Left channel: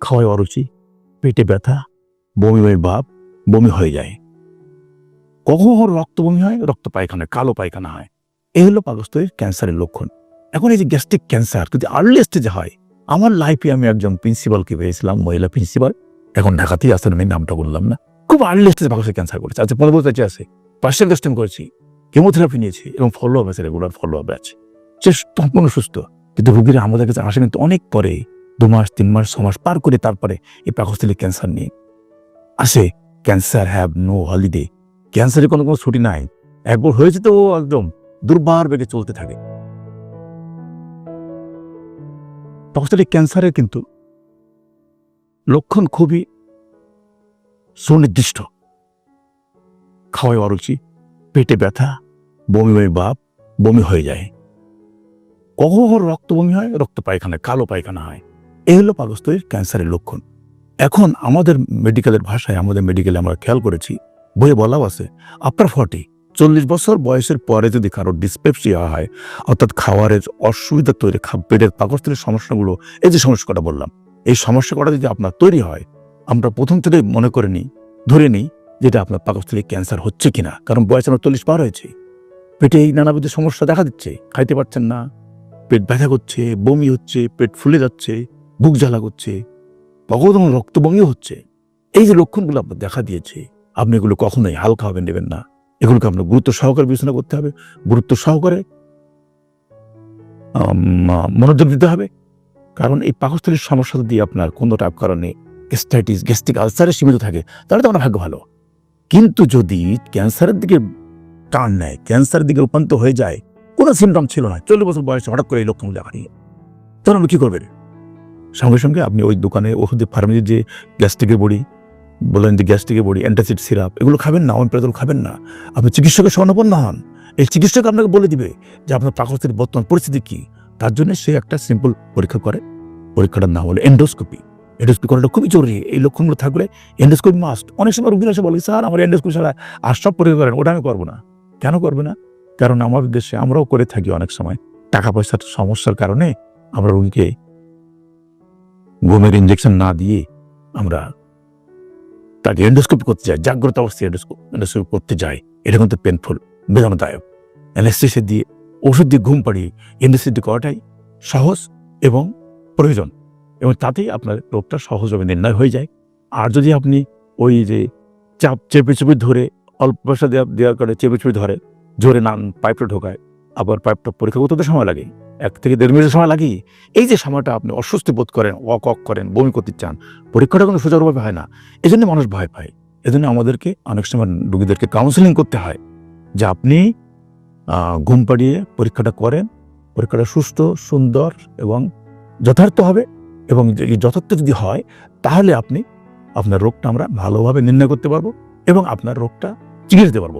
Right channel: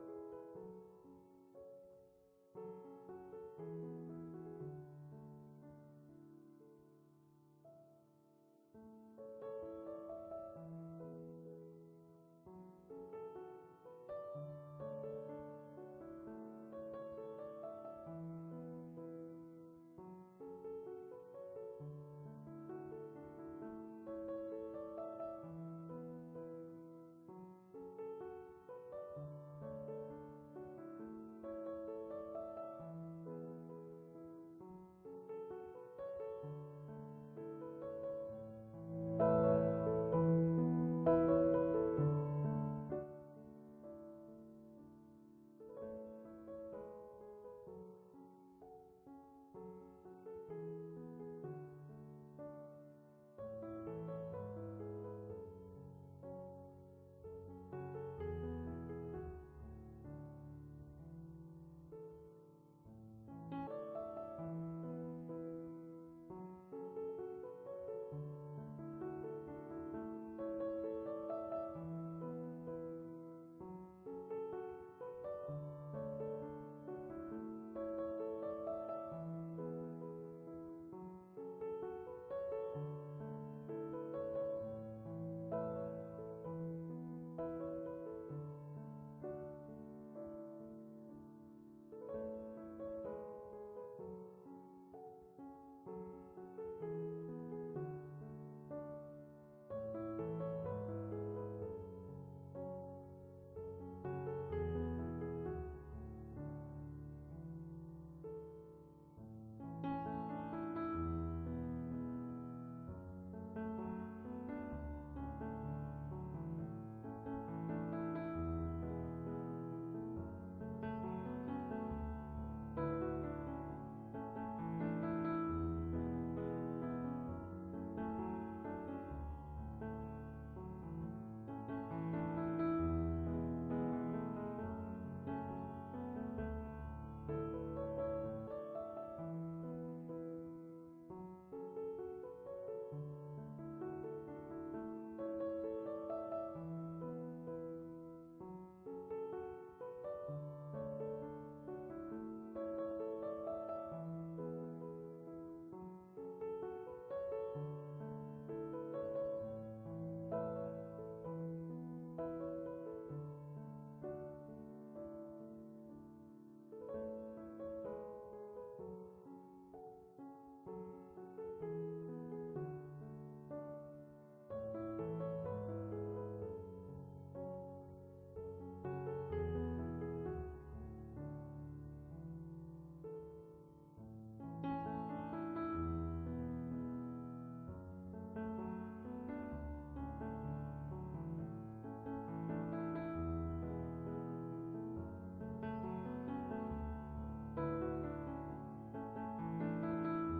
খাওয়ায় অরুচি, পেটে ব্যথা, বমি বমি ভাব, বমি হয়ে যায়। কখন রক্ত বমি হয়, রক্ত পায়খানা, কালো পায়খানা হয়। এই হলো পাকস্থলীর ক্যান্সারের লক্ষণ। এখন এই যে গ্যাস্ট্রিক ক্যান্সার, যদি আর্লি স্টেজে হয়, আমার লাইফে আমি একজন প্রিন্সিপালকে পেয়েছিলাম, মহিলা প্রিন্সিপাল এখন ঢাকাতেই আসেন আমি, নামটা বললাম না। খুব আর্লি স্টেজে পাকস্থলীর ক্যান্সার করেছে। আচ্ছা পনেরো বছর আছে। পার্সিয়াল টেস্টিং করেছি। কেমোথেরাপি নিয়েছি এবং ফলো আপ আছে রেগুলার ফলো আপ আছে। সে সম্পূর্ণ সুস্থ। কিন্তু রুগীরা আমাদের কাছে আসে কিন্তু অনেক পরে দু মাস তিন মাস ছ মাস পার করে তারপরে এই পাকস্থলীর ক্যান্সার নিয়ে আসে, ক্যান্সার হ্যাভ নো হলিডে। ক্যান্সারের কোনো কোনো ছুটি নাই। একবার হয়েছে তো একদম দুর্বার বেগে চলতে থাকে। পাকস্থলীর ক্যান্সারের কিন্তু লক্ষণ খুবই সুনির্দিষ্ট। খাওয়ায় অরুচি, পেটে ব্যথা, বমি বমি ভাব, বমি হয়ে যায়। কখন রক্ত বমি হয়, রক্ত পায়খানা, কালো পায়খানা হয়। এই হলো পাকস্থলীর ক্যান্সারের লক্ষণ। এখন আমাদের মেডিকেলের ভাষায়, আমাদের মেডিকেলে আমরা খেয়াল করেছি, বইয়ে বলাও আছে, আফটার ফর্টি, চল্লিশ বছর বয়সের পরে যদি কারোর ডিসপেপসিয়া হয়, অর্থাৎ খাওয়ারের অসুবিধা তৈরি পেটের পাকস্থলীর সমস্যাগুলো, এই যে সমস্যাটা বললাম, এই সমস্যাটা যদি আপনার তৈরি হয়, আমরা প্রথম থেকে মনে করে নিই, ধরে নিই যেটা আপনার পাকস্থলী ক্যান্সার হচ্ছে কিনা, কারণ বয়স আমার চল্লিশ পার হয়েছে। পেটে এই নানাবিধ সমস্যা দেখা দিচ্ছে, খাইতে পারছেন না, পেট ব্যথা করছে, বমি হচ্ছে, পেট ফুলে যাচ্ছে বুক জ্বালা করছে কখনো রক্ত বমিও হচ্ছে। এই যে লক্ষণগুলো আপনার দেখা দিয়েছে, আপনি এগুলো কখনোই হালকা হবে নেবেন না। এগুলোকে আপনার গুরুত্ব সহকারে বিবেচনা করতে হবে। গুরুত্ব সহকারে মনোযোগ দিতে হবে। কারণ এই পাকস্থলীর সমস্যা যদি আপনার কোনো টাইপ কারণে গ্যাস্ট্রাইটিস গ্যাস্ট্রিক আলসারে সীমিত থাকে, তাহলে তো আমার ভাগ্য ভালো। কিন্তু যদি ক্যান্সারের দিকে টান নেয়, ক্যান্সারের দিকে রূপান্তর হয়ে যায়, কোনো সিমটম ছিল না। চল্লিশ বছর বয়সে হঠাৎ করে এই লক্ষণ দেখা দিয়ে। তখন আপনি কী করবেন? সঙ্গে সঙ্গে আপনি ওই দোকানে ওষুধের ফার্মেসির যে গ্যাস্ট্রিকের বড়ি, বললেন যে গ্যাস্ট্রিকের বড়ি, অ্যান্টাসিড সিরাপ, এগুলো খাবেন না অনপ্রেতল খাবেন না। আপনি চিকিৎসকের স্বর্ণপন্ন হন। এই চিকিৎসক আপনাকে বলে দিবে যে আপনার পাকস্থলীর বর্তমান পরিস্থিতি কী। তার জন্য সে একটা সিম্পল পরীক্ষা করে। পরীক্ষাটার নাম হলো এন্ডোস্কোপি এন্ডোস্কোপি করাটা খুবই জরুরি। এই লক্ষণগুলো থাকলে এন্ডোস্কোপি মাস্ট অনেক সময় রুগীরা এসে বলে, স্যার, আমার এন্ডোস্কোপি ছাড়া আর সব পরীক্ষা করেন, ওটা আমি করব না। কেন করবে না? কারণ আমাদের দেশে আমরাও করে থাকি অনেক সময়। টাকা পয়সার সমস্যার কারণে আমরা রুগীকে ঘুমের ইঞ্জেকশন না দিয়ে আমরা তাকে এন্ডোস্কোপি করতে যাই, জাগ্রত অবস্থায় এন্ডোস্কোপ এন্ডোস্কোপি করতে যাই। এটা কিন্তু পেনফুল বেদনাদায়ক। অ্যানেস্থেসিয়া দিয়ে ওষুধ দিয়ে ঘুম পাড়িয়ে এন্ডোস্কোপি করাটাই সহজ এবং প্রয়োজন। এবং তাতেই আপনার রোগটা সহজভাবে নির্ণয় হয়ে যায়। আর যদি আপনি ওই যে চাপ চেপে চেপে ধরে, অল্প পয়সা দেওয়া দেওয়ার কারণে চেপে চেপে ধরে, জোরে নান পাইপটা ঢোকায় আবার পাইপটা পরীক্ষা করতে সময় লাগে। এক থেকে দেড় মিনিট সময় লাগে এই যে সময়টা আপনি অস্বস্তি বোধ করেন ওয়াক ওয়াক করেন, বমি করতে চান, পরীক্ষাটা কিন্তু সুচারুভাবে হয় না। এই জন্য মানুষ ভয় পায়। এজন্য আমাদেরকে অনেক সময় রুগীদেরকে কাউন্সেলিং করতে হয়। যে আপনি ঘুম পাড়িয়ে পরীক্ষাটা করেন, পরীক্ষাটা সুস্থ, সুন্দর এবং যথার্থ হবে এবং যথার্থ যদি হয়, তাহলে আপনি আপনার রোগটা আমরা ভালোভাবে নির্ণয় করতে পারব এবং আপনার রোগটা চিকিৎসা দিতে পারব।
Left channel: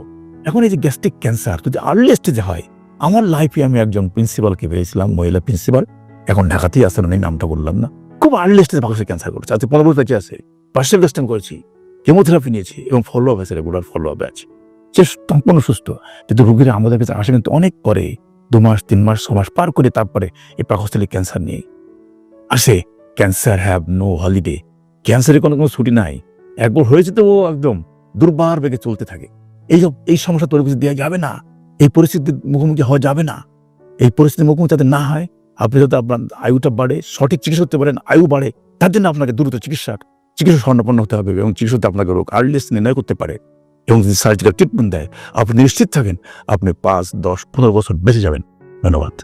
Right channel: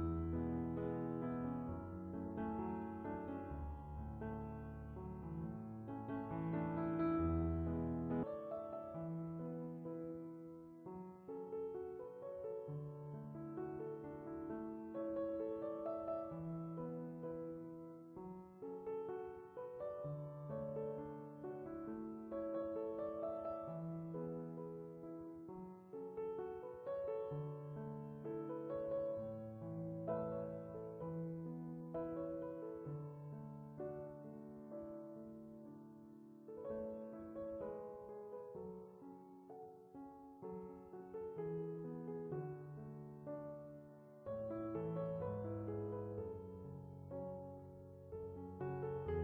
এখন এই যে গ্যাস্ট্রিক ক্যান্সার যদি আর্লি স্টেজে হয় আমার লাইফে আমি একজন প্রিন্সিপালকে পেয়েছিলাম, মহিলা প্রিন্সিপাল এখন ঢাকাতেই আসেন আমি নামটা বললাম না। খুব আর্লি স্টেজে পাকস্থলীর ক্যান্সার করেছে। আজকে পনেরো বছর আছে। পার্সিয়াল টেস্টিং করেছি। কেমোথেরাপি নিয়েছি এবং ফলো আপ আছে রেগুলার ফলো আপ আছে সে সম্পূর্ণ সুস্থ। কিন্তু রুগীরা আমাদের কাছে আসে কিন্তু অনেক পরে দু মাস, তিন মাস, ছ মাস পার করে তারপরে এই পাকস্থলীর ক্যান্সার নিয়ে আসে। ক্যান্সার হ্যাভ নো হলিডে ক্যান্সারের কোনো কোনো ছুটি নাই। একবার হয়েছে তো ও একদম দুর্বার বেগে চলতে থাকে। এই এই সমস্যা তৈরি দেওয়া যাবে না। এই পরিস্থিতির মুখোমুখি হওয়া যাবে না। এই পরিস্থিতির মুখোমুখি যাতে না হয়, আপনি যাতে আপনার আয়ুটা বাড়ে, সঠিক চিকিৎসা করতে পারেন, আয়ু বাড়ে, তার জন্য আপনাকে দ্রুত চিকিৎসার চিকিৎসা স্বর্ণপন্ন হতে হবে এবং চিকিৎসাতে আপনাকে রোগ আর্লিস নির্ণয় করতে পারে এবং যদি সার্জিক্যাল ট্রিটমেন্ট দেয়, আপনি নিশ্চিত থাকেন, আপনি পাঁচ, দশ, পনেরো বছর বেঁচে যাবেন। ধন্যবাদ।